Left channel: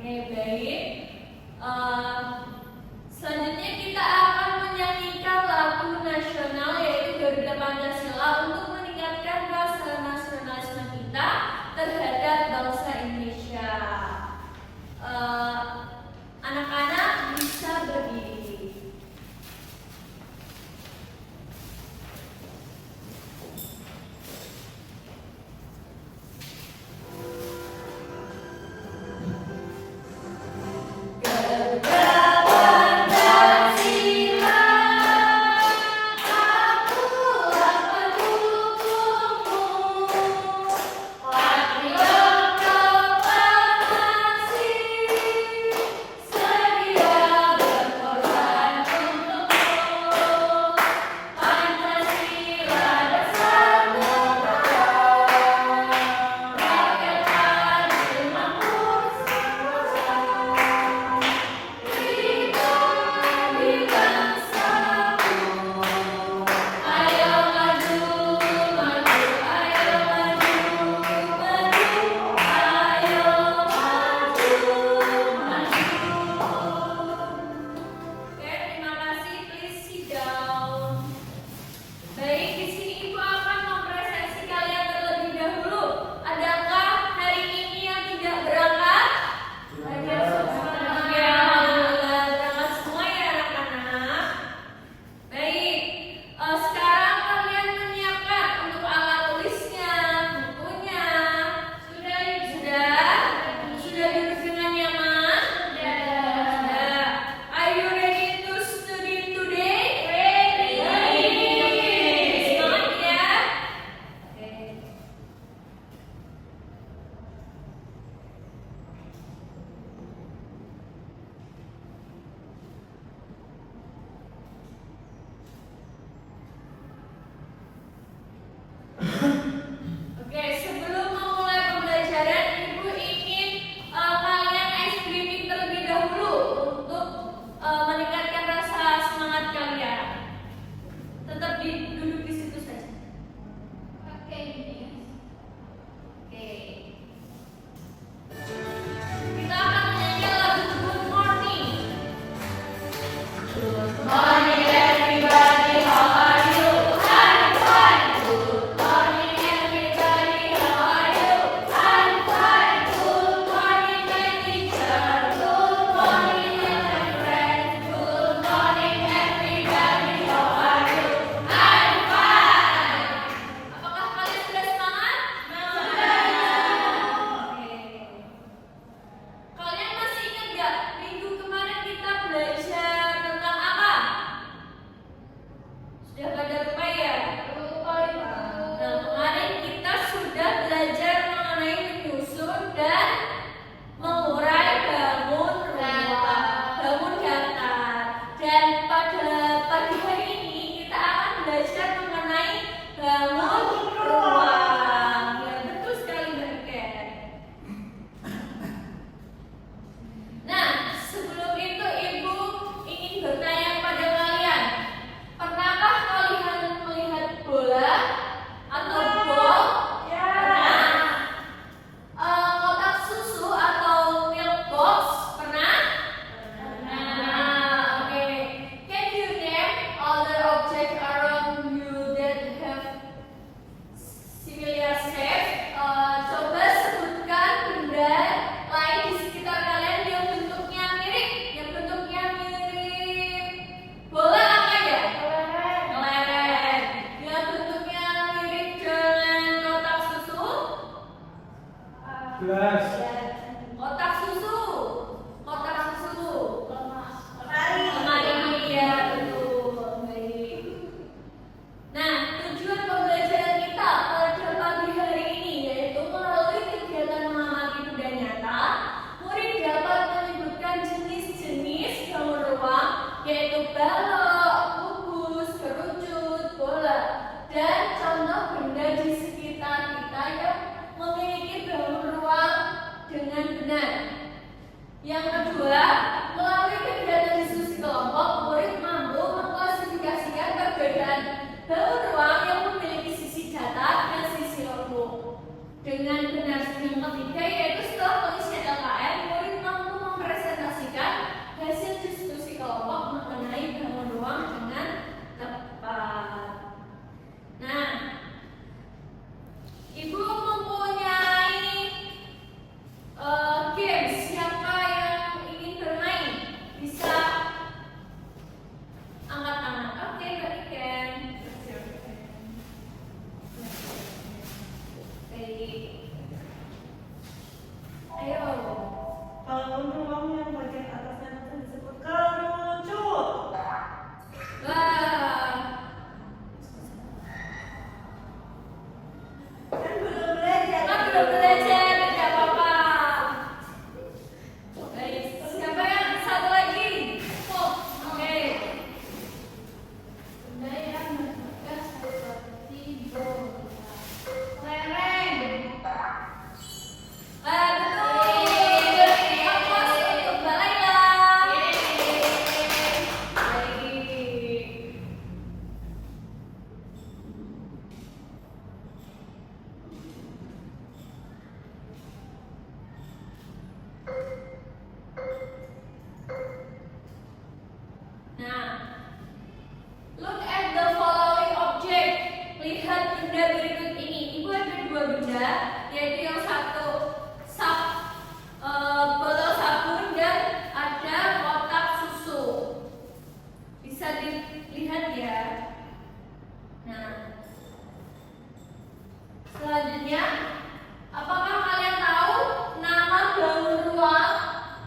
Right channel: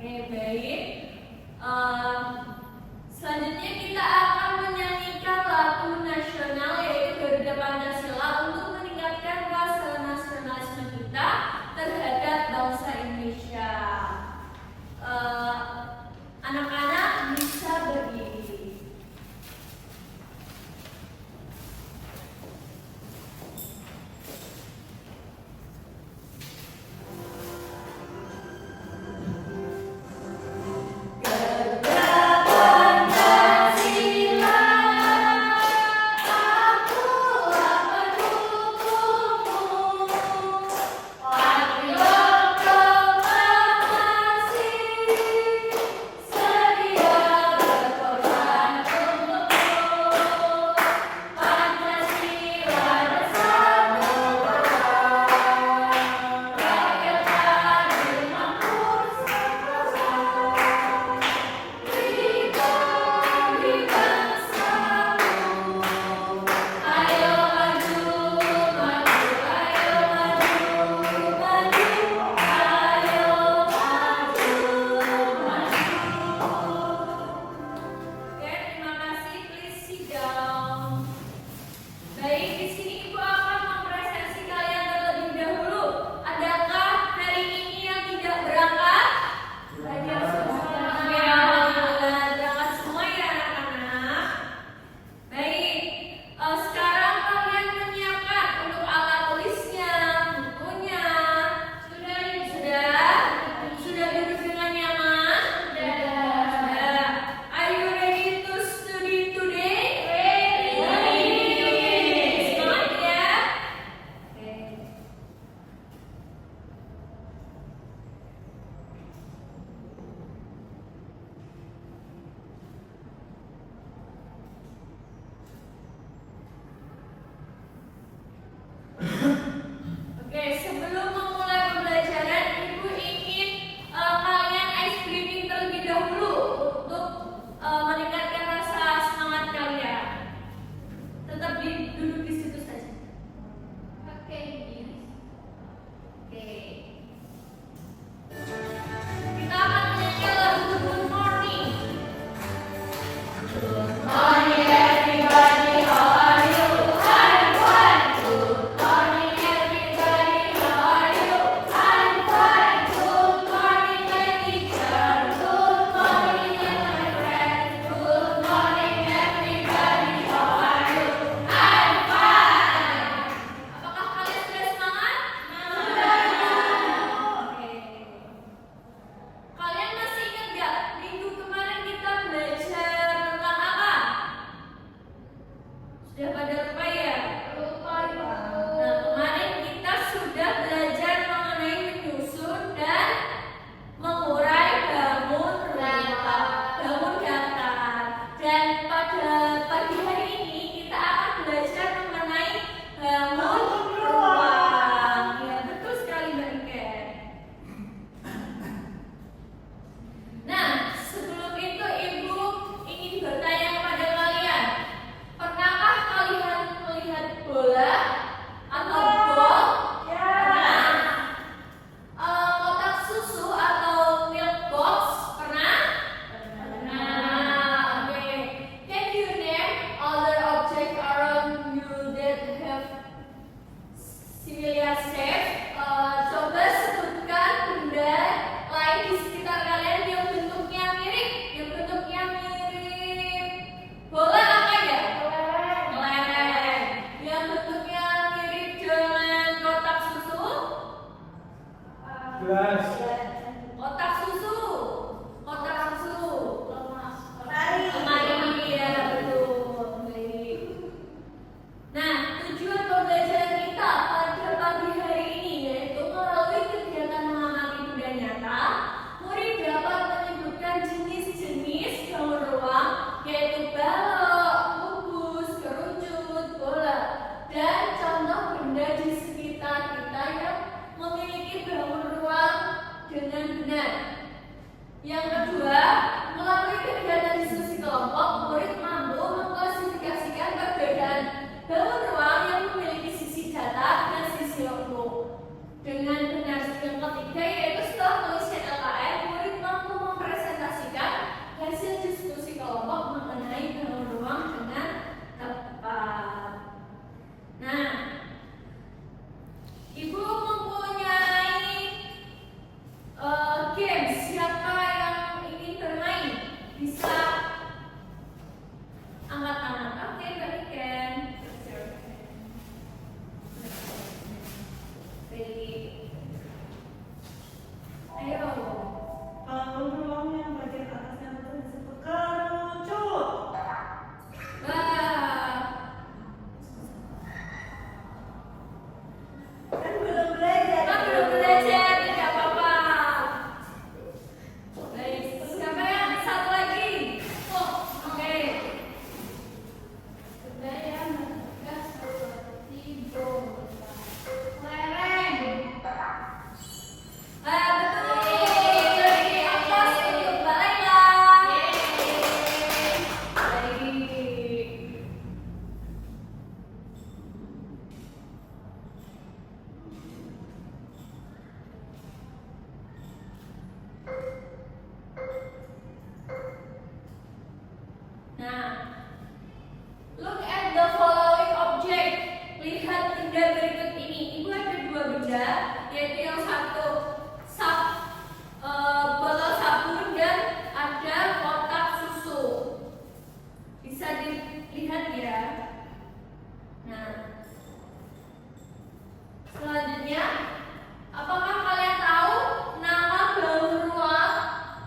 Oke, baik. Selanjutnya kita akan menyanyikan lagu nasional yaitu Garuda Pancasila untuk meningkatkan rasa nasionalisme kita terhadap bangsa Indonesia. Anak-anak bisa berdiri. Oke, sebelum memulai pembelajaran, Ibu ingin kalian ice breathing terlebih dahulu untuk meningkatkan rasa semangat kalian. Tetap duduk di situ saja. Oke, oke. Kita akan menyanyi lagu Good Morning. Good morning everybody, how are you? I'm fine. Good morning everybody, how are you? I'm fine. Good morning my teacher. Good morning my friend. Good morning everybody, how are you? I'm fine. Apakah kalian sudah semangat? Oke. Kalian masih ingat gak minggu kemarin kita belajar tentang apa? Sudah pada lupa ya? Lupa. Nah, kemarin kita sudah belajar mengenai menyusun dan mengurai bangun ruang, bangun datar. Dan pada pagi hari ini kita akan belajar mengenai bangun ruang. Ya, betul sekali Mbak Ken. Nah, sebelum itu Ibu ingin bertanya kepada kalian, pernahkah kalian melihat bola atau bol? Pernah. Kotak susu atau milk box? Pernah? Pernah. Oke. Can you name other objects around you that have similar shape? Coba sebutkan benda lain di sekitar kalian yang bentuknya mirip, bola apa ya? Kelereng. Yang bentuknya mirip dengan kotak susu? Gelas. Kotak susu. Lemari, ya betul. Baik. Nah, tujuan pembelajaran kita pada pagi hari ini yaitu melalui kegiatan mengamati benda nyata, murid dapat menyebutkan jenis-jenis bangun ruang yaitu balok, kubus, kerucut, bola, dan contoh benda di sekitar kita yang memiliki bangun ruang dengan benar. Yang kedua, melalui kegiatan diskusi kelompok, murid mampu mengklasifikasikan perbedaan bangun ruang yang memiliki sisi datar dan sisi lembut dengan benar. Yang ketiga yaitu setelah pengisian LKM, murid mampu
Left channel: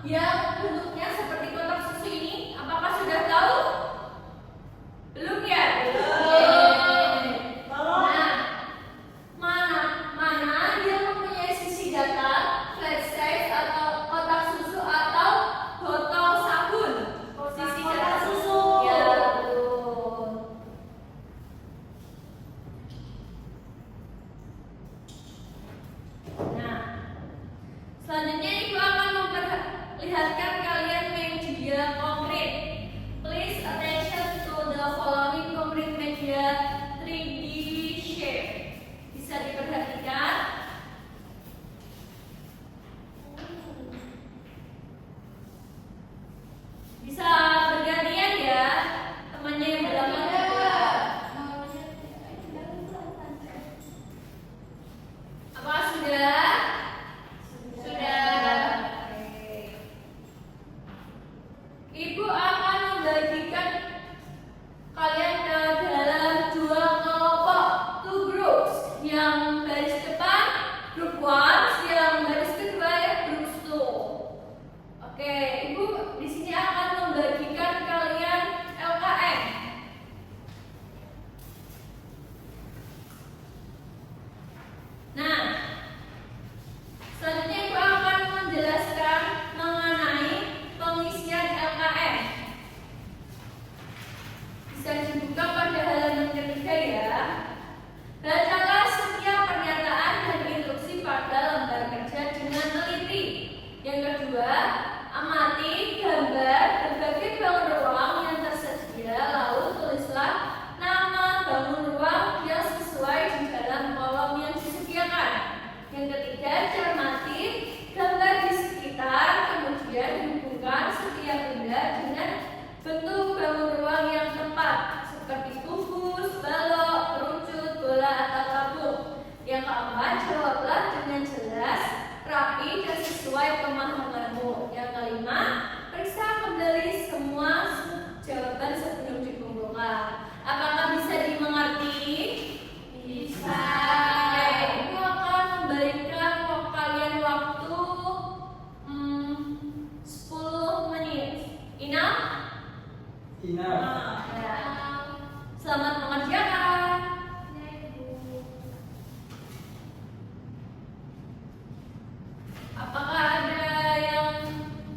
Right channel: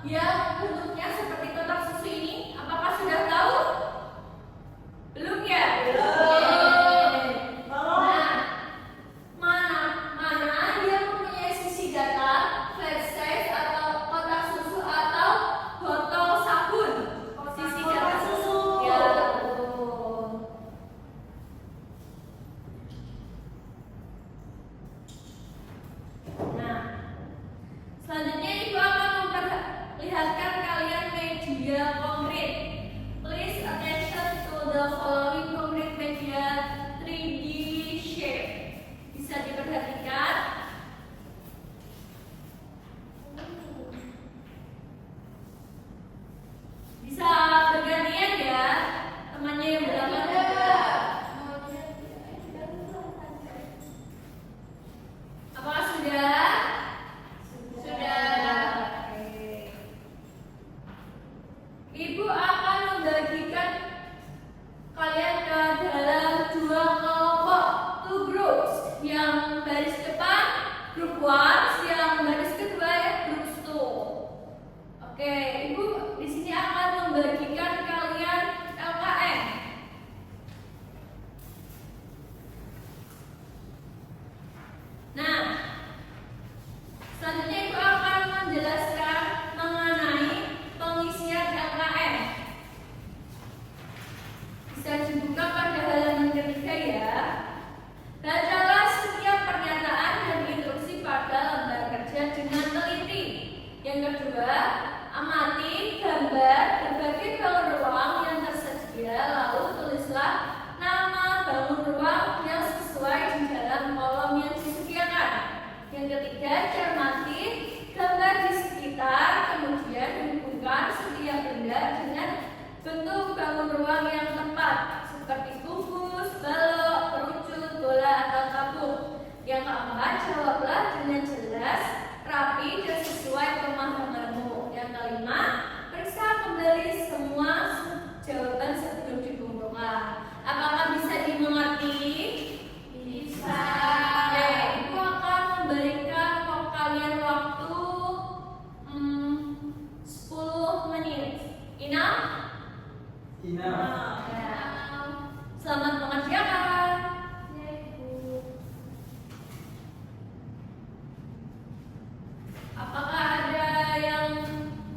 yang bentuknya seperti kotak susu ini? Apakah sudah tahu? Belum ya? Nah, mana yang mempunyai sisi datar, flat size atau kotak susu atau botol sabun? Sisi datar susu. Ya, betul. Nah, selanjutnya Ibu akan memperlihatkan kalian media konkret. Please attention to the following concrete media 3D shape. Bisa diperhatikan. Bisa bergantian ya, temannya yang belakang juga. Apakah sudah? Sudah. Oke. Ibu akan membagikan kalian ke dalam dua kelompok, two groups. Yang baris depan group 1, yang baris kedua group 2. Oke, Ibu di sini akan membagikan kalian LKM. Nah, selanjutnya Ibu akan menjelaskan mengenai pengisian LKM. Bisa dibuka pada halaman ketiga ya. Bacalah setiap pernyataan dan instruksi pada lembar kerja dengan teliti. Yang kedua, amati gambar berbagai bangun ruang yang tersedia, lalu tulislah nama bangun ruang yang sesuai di dalam kolom yang disediakan. Yang ketiga, cermati gambar di sekitar, kemudian hubungkan setiap benda dengan bentuk bangun ruang yang tepat, seperti kubus, balok, kerucut, bola, atau tabung. Yang keempat, jawablah dengan jelas, rapi, dan sesuai pemahamanmu. Yang kelima, periksa kembali semua jawaban sebelum dikumpulkan. Apakah bisa dimengerti? Bisa. Oke, Ibu akan memberikan kalian waktu 10 menit. Enough? Enough. Ya. Selamat mengerjakan. Apakah ada yang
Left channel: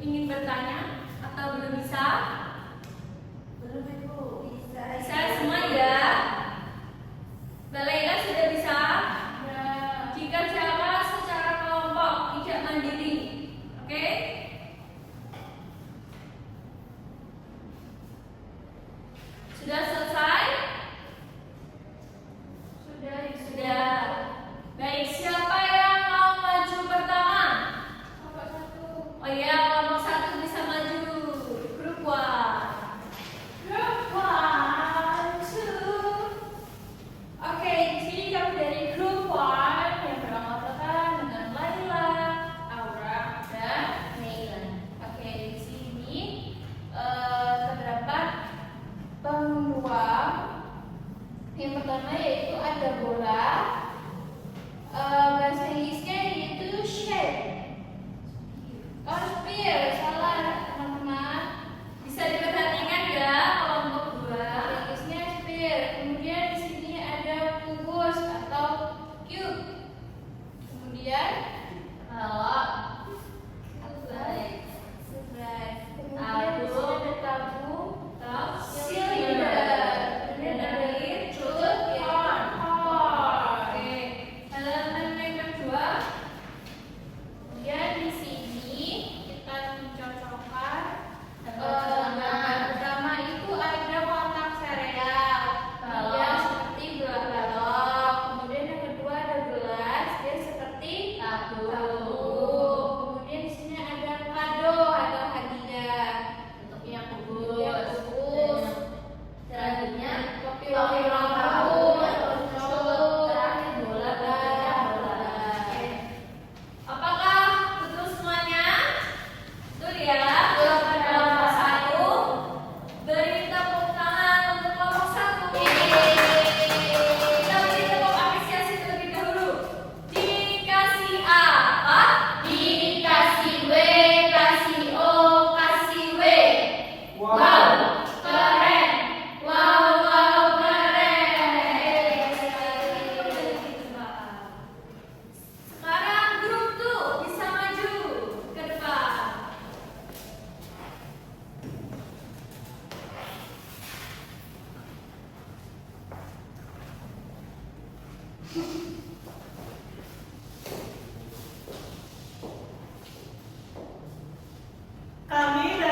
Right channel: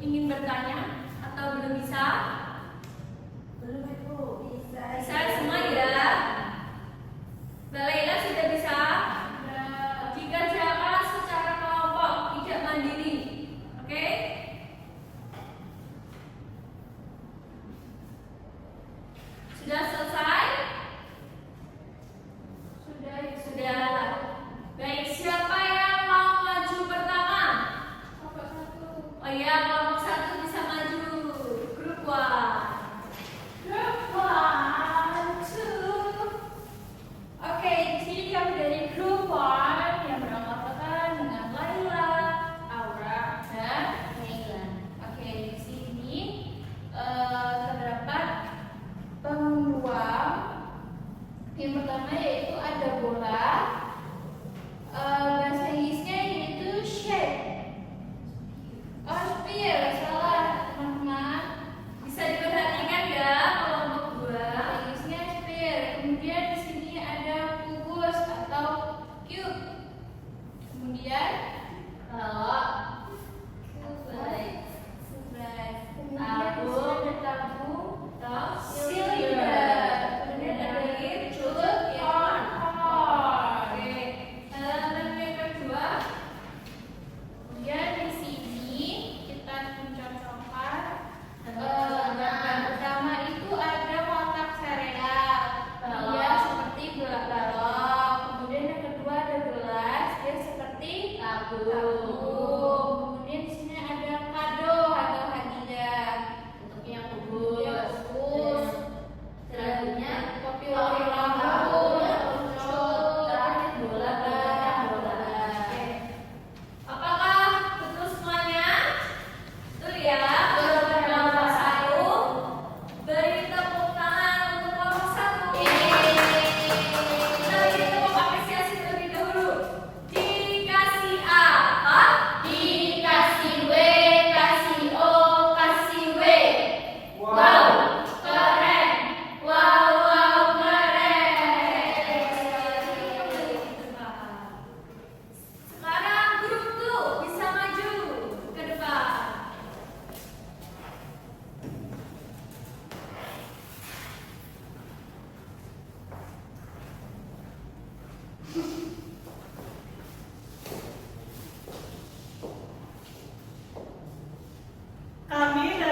ingin bertanya atau belum bisa? Belum Ibu. Bisa. Bisa semua ya? Mbak Laila sudah bisa? Ya. Dikerjakan secara kelompok, tidak mandiri. Oke? Sudah selesai?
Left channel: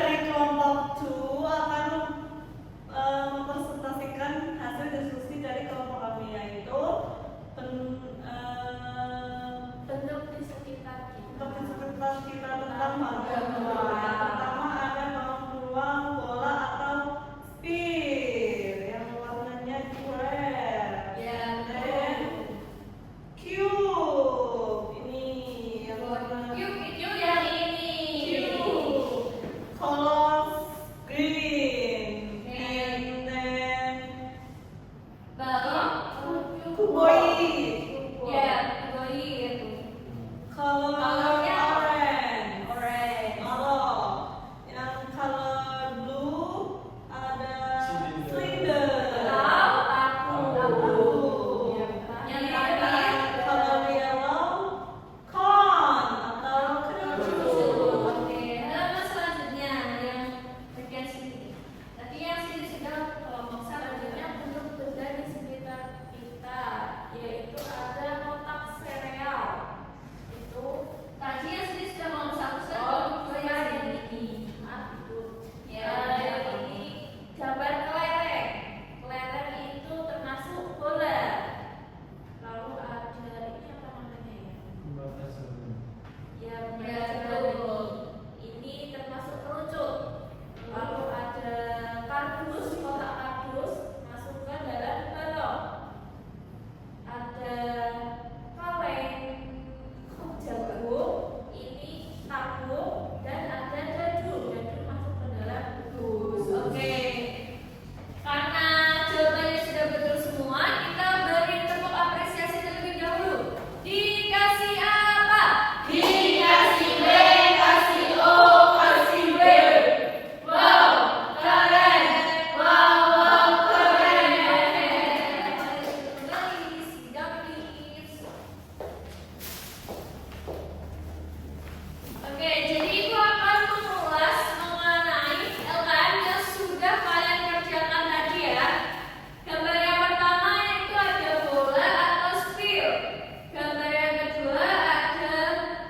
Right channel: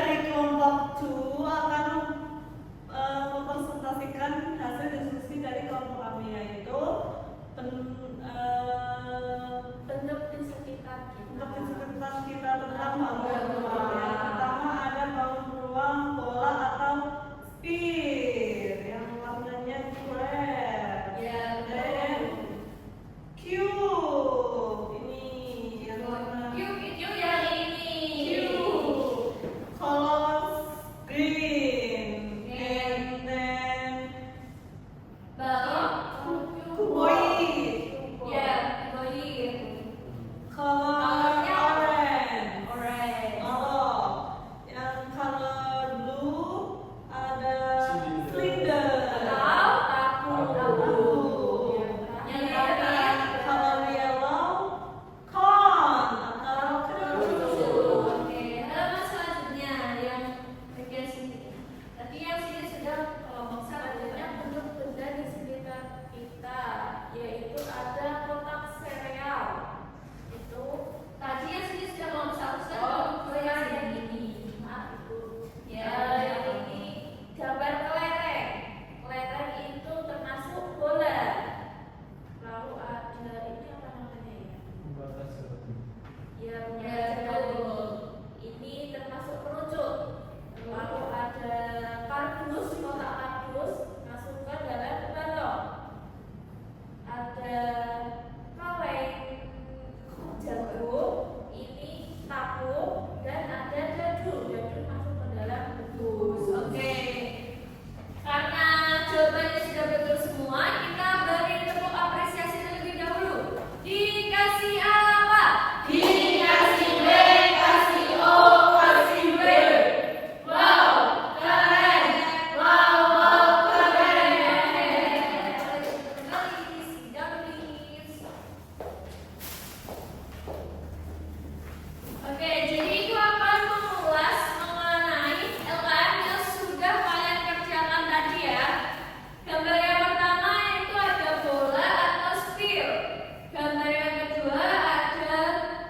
dari kelompok 2 akan mempresentasikan hasil diskusi dari kelompok kami, yaitu Bentuk di sekitar untuk kita. di sekitar kita tentang bangun ruang. Yang pertama ada bangun ruang bola atau sphere yang warnanya red. Ya, Dan cube ini yang warna Yuk yang ini. cube color green. And then cuboid Ya, kuboid. color Colornya orange. Orange. Oh, yang color blue ada cylinder. Tahu, tahu. Yang terakhir Color yellow cone atau kerucut. Oke, halaman selanjutnya yang bagian sini. Tadi yang sini sudah kelompok selanjutnya bentuk benda di sekitar kita, yaitu ada kotak sereal. Itu tadi yang sini sudah kelompok satu, sekarang kelompok dua yang ini. Maaf ibu. Ya, yang ini gambar kelereng. Kelereng itu termasuk bola. Lalu ada ini apa namanya ya? Ya, betul. Ini termasuk kerucut. Lalu ada kardus, kotak kardus, masukkan dalam balok. Ada kaleng, jagung, ini tahu, dan ada dadu. Dadu masuk ke dalam dus. Oke. Karena jawabannya sudah betul semua, kita beri tepuk apresiasi terlebih dahulu. Dikasih apa? Dikasih B, kasih O, kasih B. Wow, keren. Wow, keren. Kembali, sidang please. Oke, jadi itu akan mengulas mengenai LKM yang sudah kalian kerjakan tadi ya. Gambar yang pertama itu ada bola atau sphere. Gambar yang kedua ada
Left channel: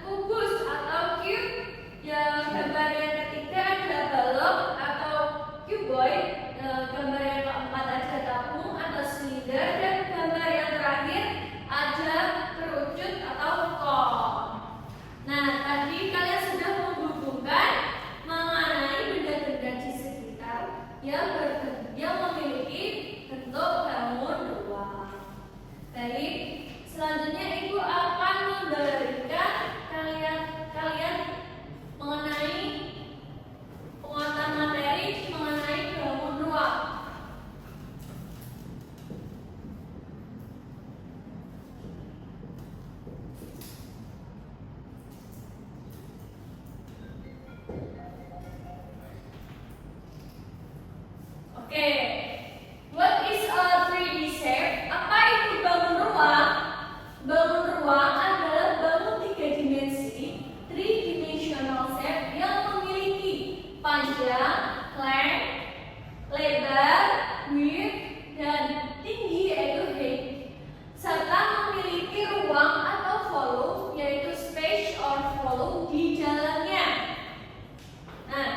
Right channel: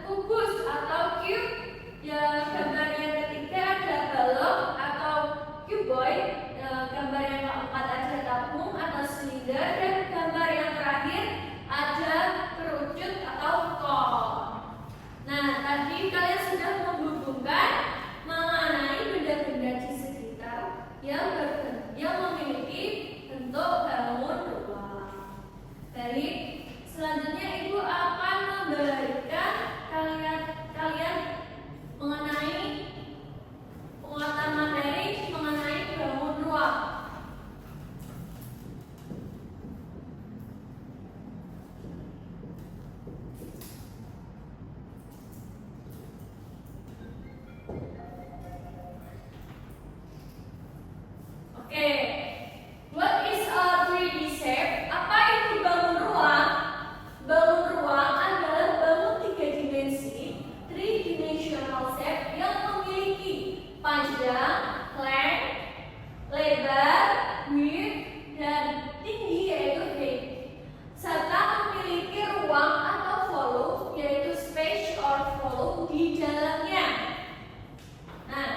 kubus atau cube. Yang gambar yang ketiga ada balok atau cuboid. Gambar yang keempat ada tabung atau silinder, dan gambar yang terakhir ada kerucut atau cone. Nah, tadi kalian sudah menghubungkan mengenai benda-benda di sekitar yang memiliki bentuk bangun ruang. Baik, selanjutnya Ibu akan memberikan kalian mengenai penguatan materi mengenai bangun ruang. Oke, what is a 3D shape? Apa itu bangun ruang? Bangun ruang adalah bangun 3 dimensi, 3-dimensional shape yang memiliki panjang, length, lebar, width, dan tinggi yaitu height, serta memiliki ruang atau volume yaitu space or volume di dalamnya. Nah,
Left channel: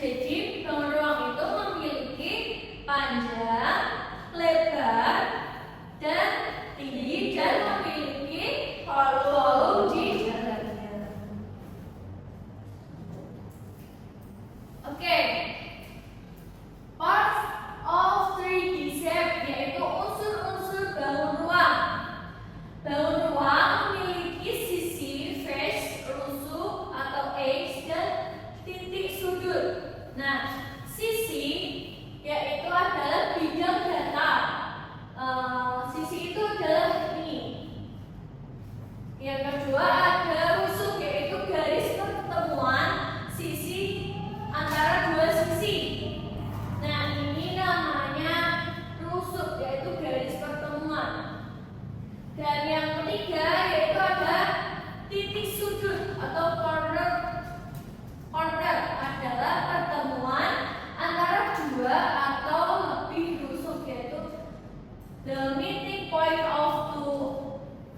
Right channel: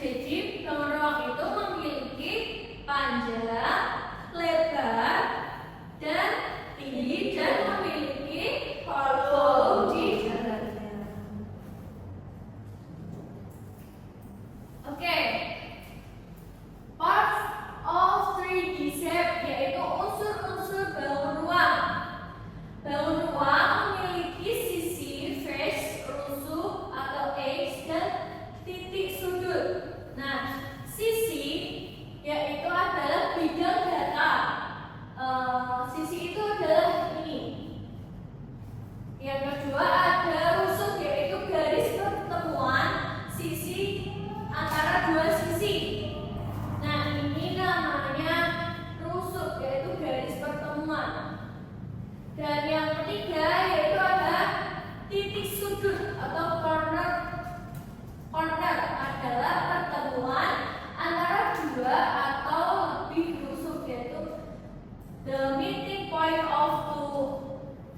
jadi bangun ruang itu memiliki panjang, lebar, dan tinggi, dan memiliki volume di dalamnya. Oke, part of 3D shape yaitu unsur-unsur bangun ruang. Bangun ruang memiliki sisi, face, rusuk atau edge, dan titik sudut. Nah, sisi yaitu adalah bidang datar. Sisi itu adalah ini. Yang kedua ada rusuk yaitu garis pertemuan sisi antara dua sisi. Nah, ini namanya rusuk yaitu garis pertemuan. Dan yang ketiga yaitu ada titik sudut atau corner. Corner adalah pertemuan antara dua atau lebih rusuk, yaitu the meeting point of two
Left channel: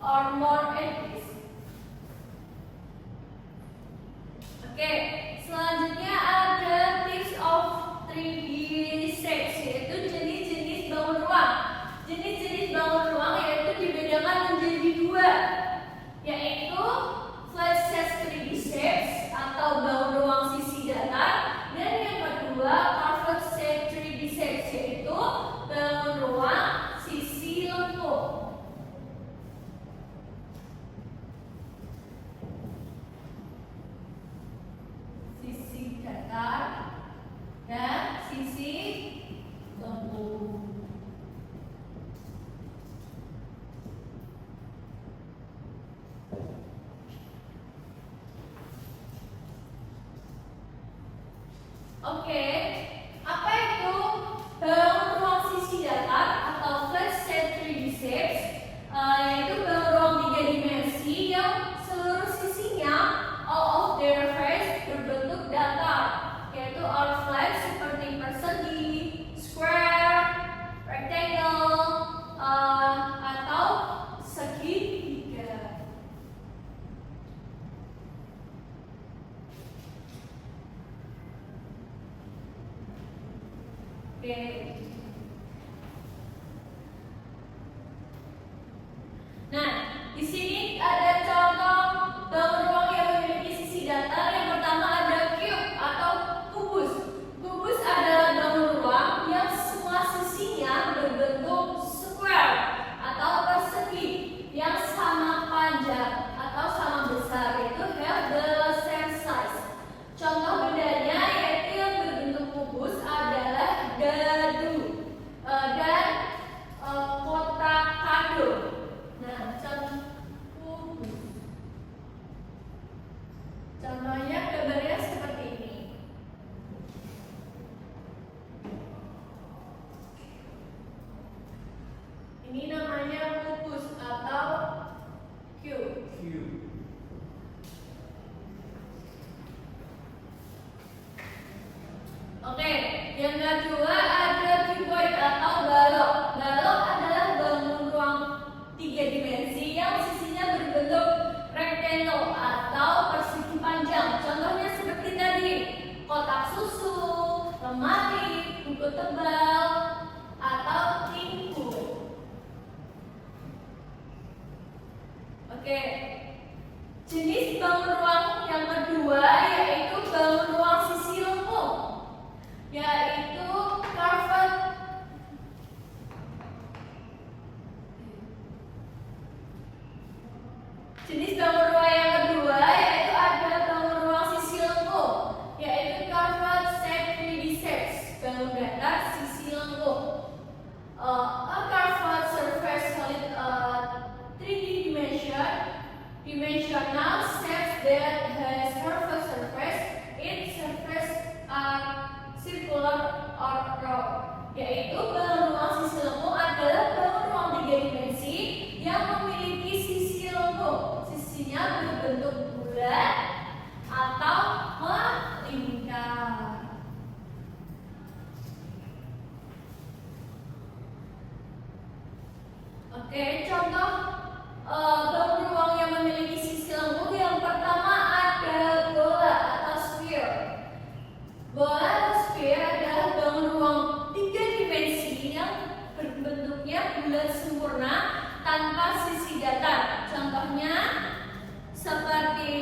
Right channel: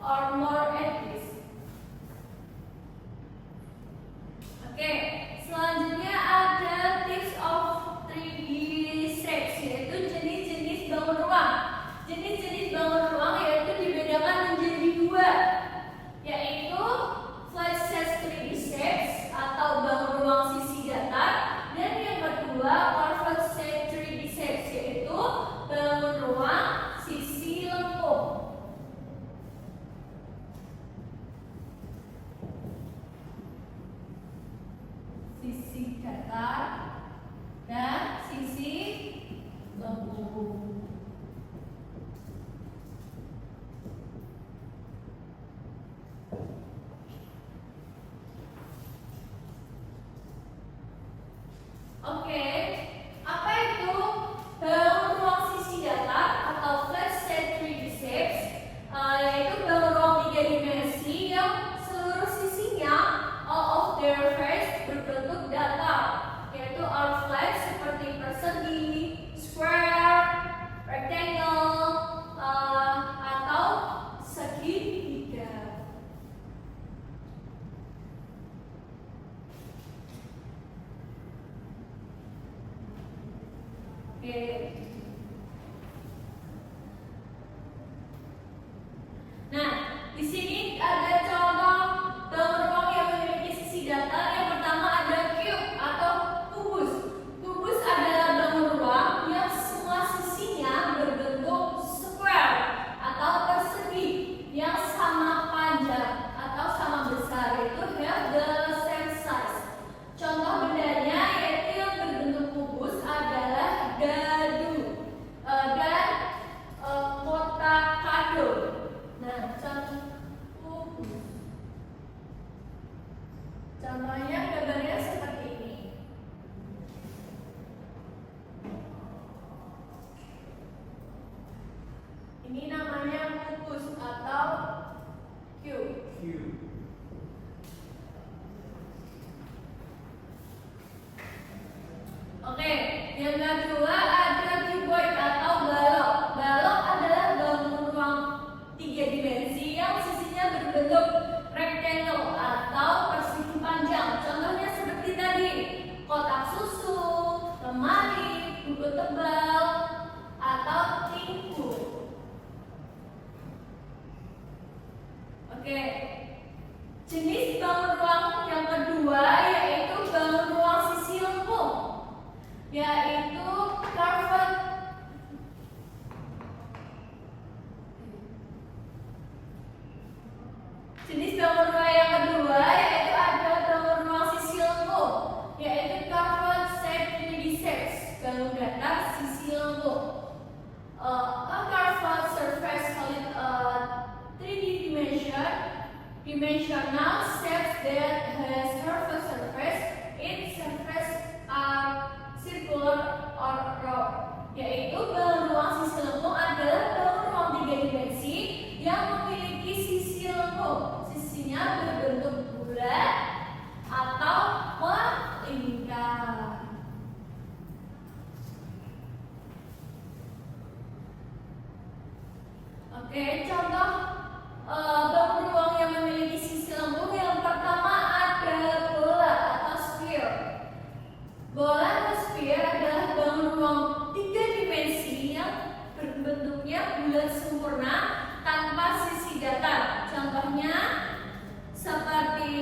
or more edges. Oke, selanjutnya ada datar dan sisi lengkung. Oke, apa itu balon ruang sisi datar atau flat set 3D shapes? Yaitu balon ruang 3 dimensi yang seluruh sisinya all of their face berbentuk datar, yaitu all flat seperti persegi, square, rectangle, atau segitiga. Oke. Nah, di sini ada contoh bangun ruang yang memiliki sisi datar. Yang pertama ada cube atau kubus. Kubus adalah bangun ruang yang semua sisinya berbentuk square atau persegi yang sama panjang atau sama besar, yaitu have the same size. Contoh bendanya yaitu yang berbentuk kubus adalah dadu dan kotak kado. Nah, contoh kubus. Contohnya gambarnya seperti ini. Ini namanya kubus atau cube. Oke, yang kedua ada cuboid atau balok. Balok adalah bangun ruang 3 dimensi yang sisinya berbentuk rectangle atau persegi panjang. Contohnya seperti tadi, kotak susu, lemari, buku tebal, atau tingku. Oke, jenis bangun ruang yang kedua yaitu bangun ruang sisi lengkung, yaitu carved. Jenis bangun ruang yang kedua yaitu ada bangun ruang sisi lengkung, yaitu carved shape 3D shapes, bangun datar sisi lengkung. A carved surface solid 3D dimensional shapes that has curved surface. Its surface are circular or round. Yaitu bangun ruang sisi lengkung adalah bangun ruang 3 dimensi yang memiliki sisi lengkung. Sisinya berbentuk bulat atau melingkar. Oke, contoh bangun ruang yang memiliki sisi lengkung yang pertama ada bola atau sphere. Bola atau sphere adalah bangun ruang 3 dimensi yang berbentuknya bulat sempurna tanpa sisi datar. Contohnya seperti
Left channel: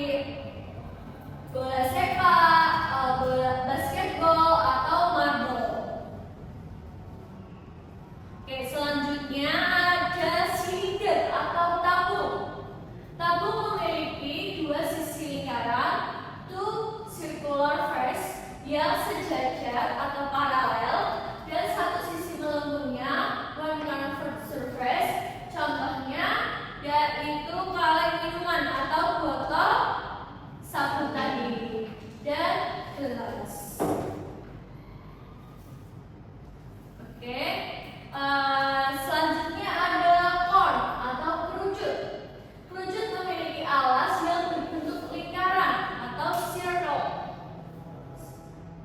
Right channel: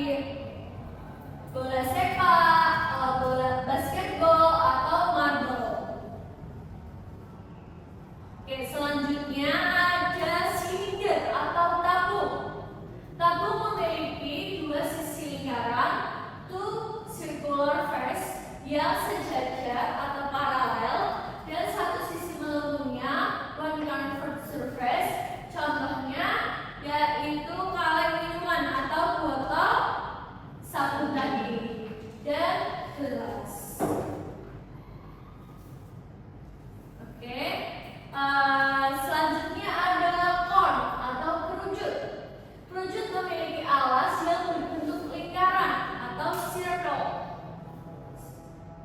bola sepak, bola basketball, atau marble. Oke, selanjutnya ada silinder atau tabung. Tabung memiliki 2 sisi lingkaran, two circular face yang sejajar atau paralel, dan 1 sisi melengkungnya, one curved surface. Contohnya yaitu kaleng minuman atau botol sabun tadi dan gelas. Oke. Selanjutnya adalah cone atau kerucut. Kerucut memiliki alas yang berbentuk lingkaran atau circle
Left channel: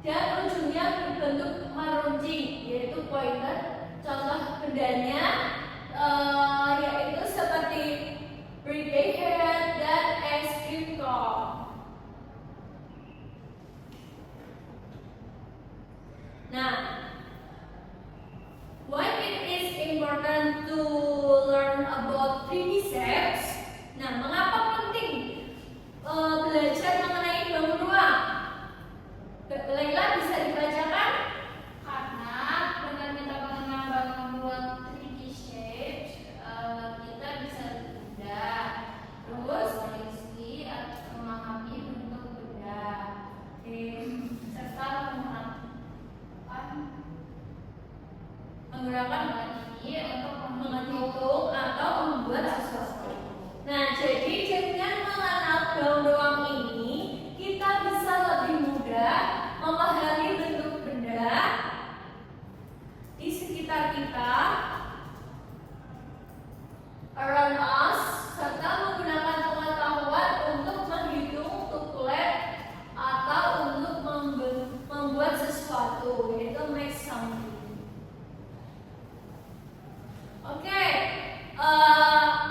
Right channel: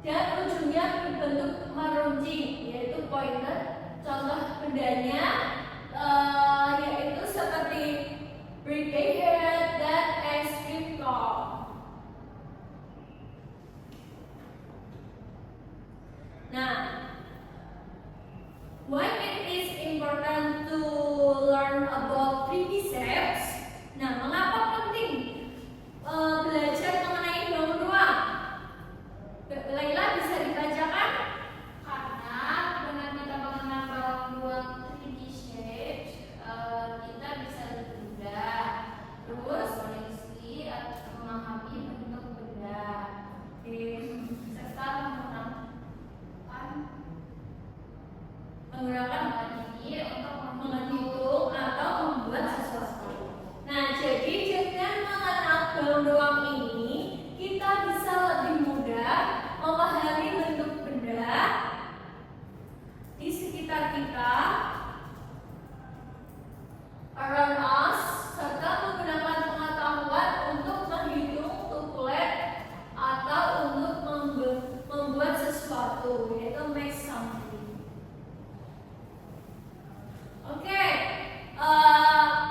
dan ujungnya berbentuk meruncing, yaitu pointed. Contoh bendanya yaitu seperti birthday hat dan ice cream cone. Nah, why it is important to learn about 3D shapes? Nah, mengapa penting belajar mengenai bangun ruang? Laila bisa dibacakan? Karena dengan kita mengenal bangun ruang 3D shapes, kita bisa lebih mudah terus memahami bentuk benda, serta memahami bentuk benda di sekitar kita, around us, serta menggunakan pengetahuan untuk menghitung, to collect, atau untuk membuat sesuatu, yaitu make something. Oke,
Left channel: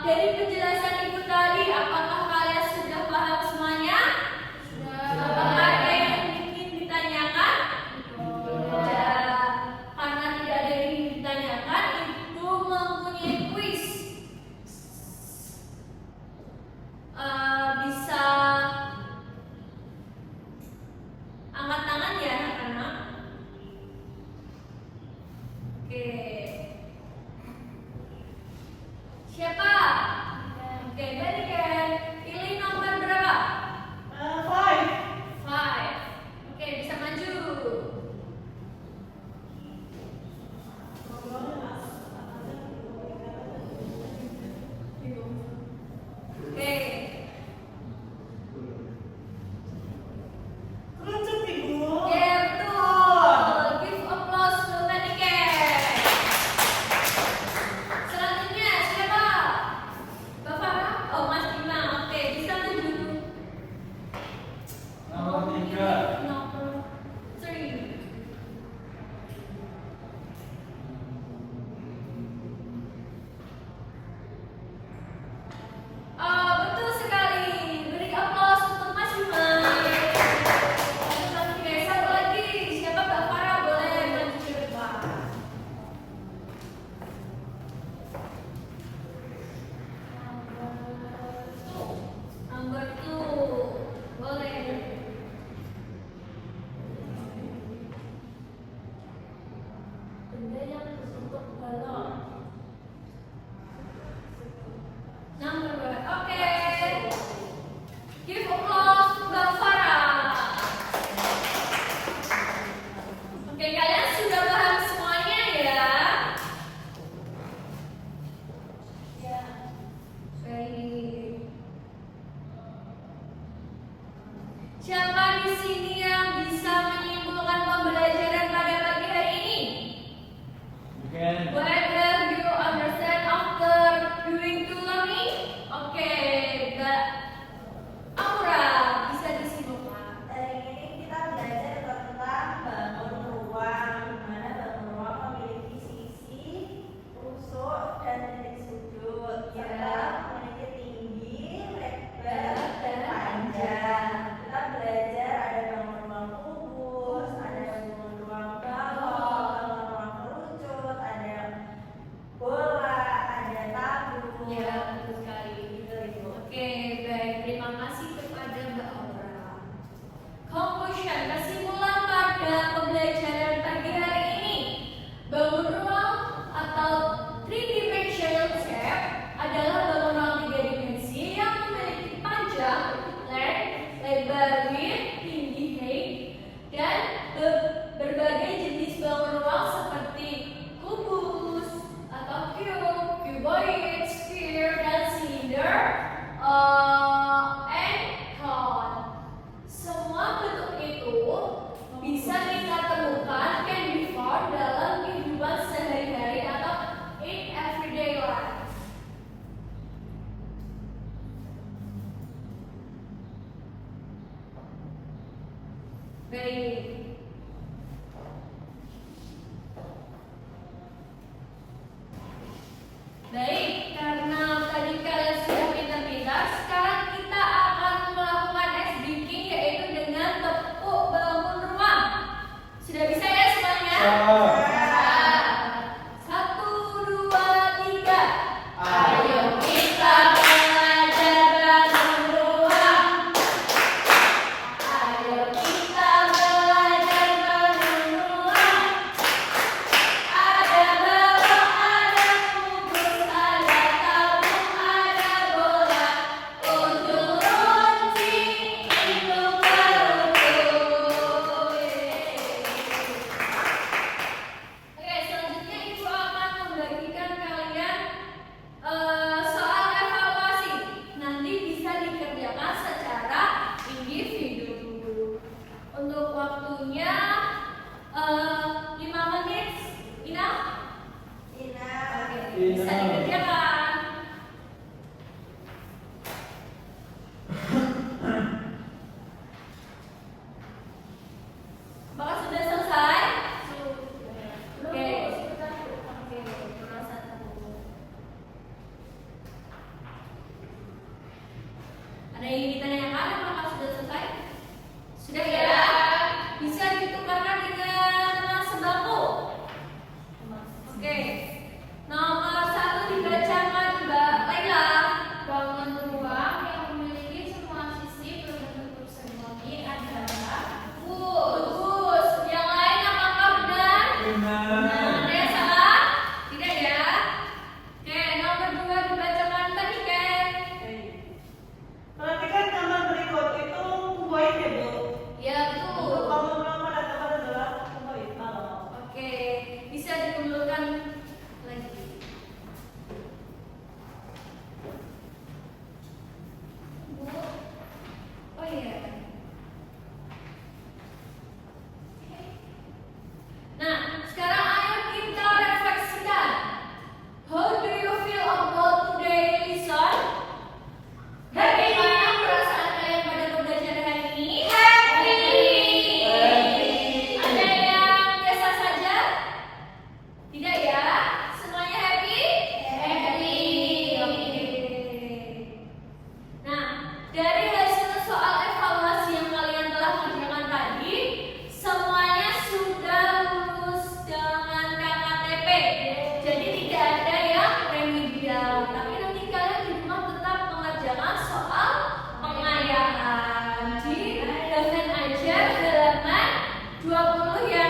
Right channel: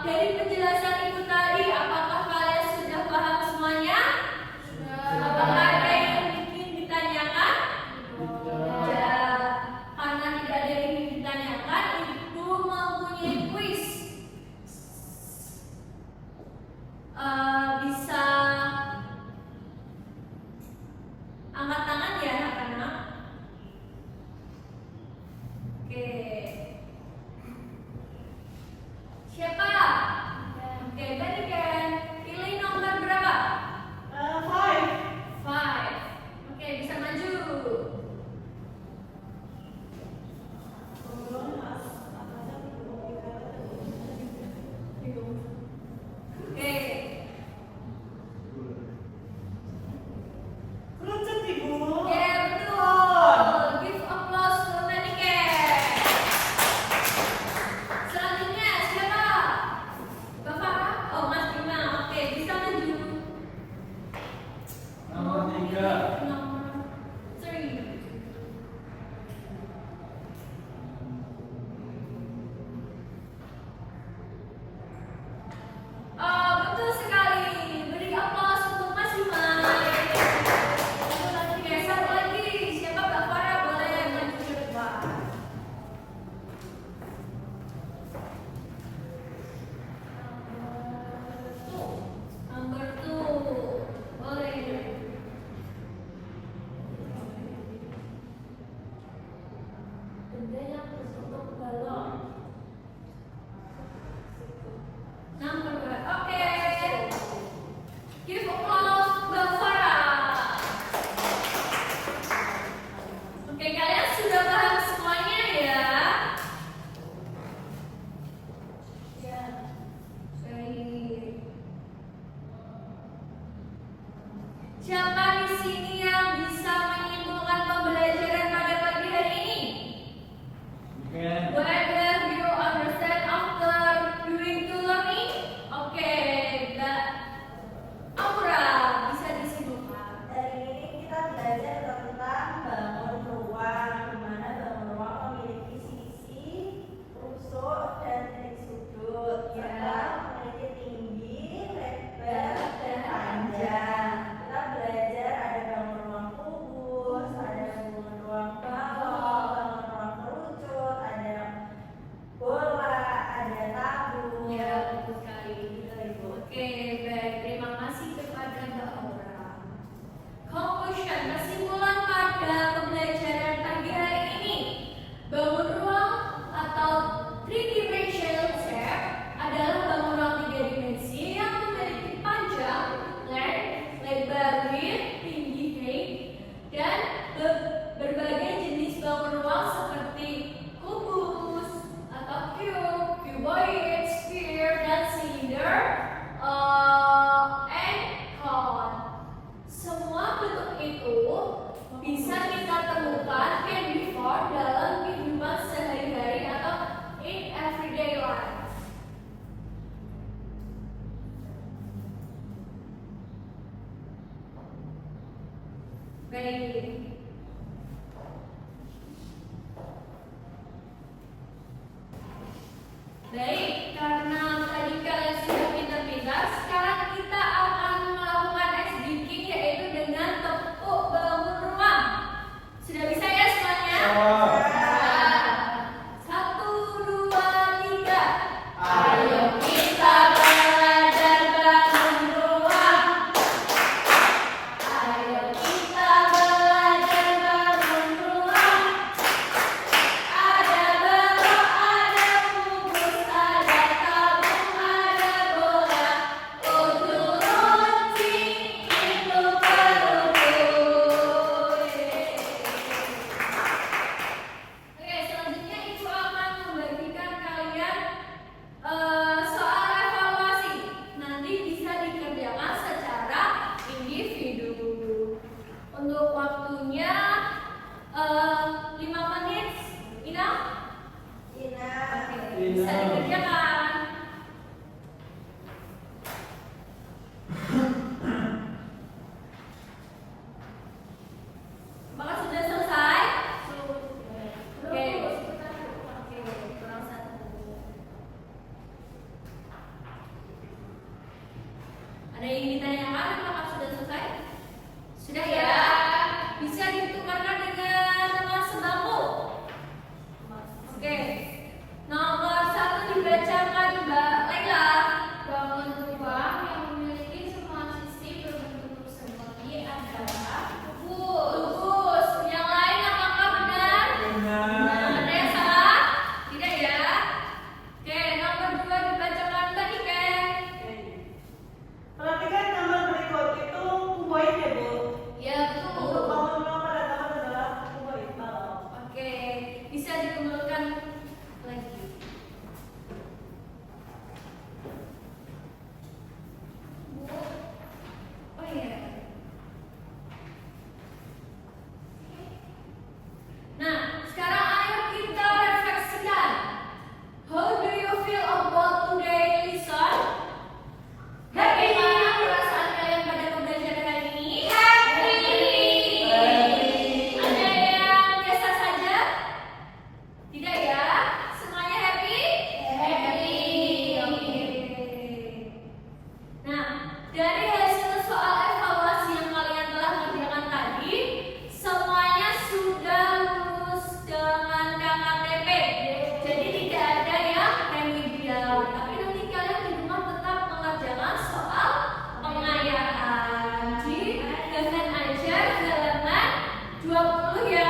dari penjelasan itu tadi, apakah kalian sudah paham semuanya? Apakah ada yang ingin ditanyakan? Tidak. Karena tidak ada yang ingin ditanyakan, itu mempunyai kuis. Bisa angkat tangan ya anak-anak. Oke. Siapa? Oke, dari Ken. Pilih nomor berapa? 5. 5. Oke, bisa maju. Oke. Kerucut Ibu. Ya, betul. Give applause to Maniken. 5 menit, Ina? Ina. Oke, Ina. bisa dikerjakan. Apakah sudah selesai? Oke. Oke, kurang satu. Ada yang ingin ditanyakan? Apakah sudah selesai? Sudah ya? Bisa ditukarkan dengan teman sebangku. Oke. Nomor 1 dibacakan Mbak Laila. Bangun ruang yang memiliki semua sisi berbentuk persegi adalah Bagus. Yang lain apakah benar? Benar. Ada yang salah? Tidak ya? Oke, nomor 2 dibacakan Mbak Niken. Oke. Perhatikan gambar berikut itu kuboid ya Bu. Ya, Untuk betul. bangun rumah pada zaman adalah kuboid. Oke, bisa dikembalikan lagi. Bu. Oh iya. Nah, sekarang ayo kita refleksikan. How do you feel about today lesson? Bagaimana perasaan kalian pada pembelajaran hari ini? Happy. Ada yang biasa saja? Tidak ya? Semuanya happy? Happy. Oke. Nah, dari hasil soal evaluasi yang kalian telah kerjakan tadi, semuanya sudah lulus dengan KKTP. Jadi tidak ada yang remedial. Tapi nanti kalian di rumah tetap mengerjakan soal pengayahan di Dosen Ajar halaman 20 yang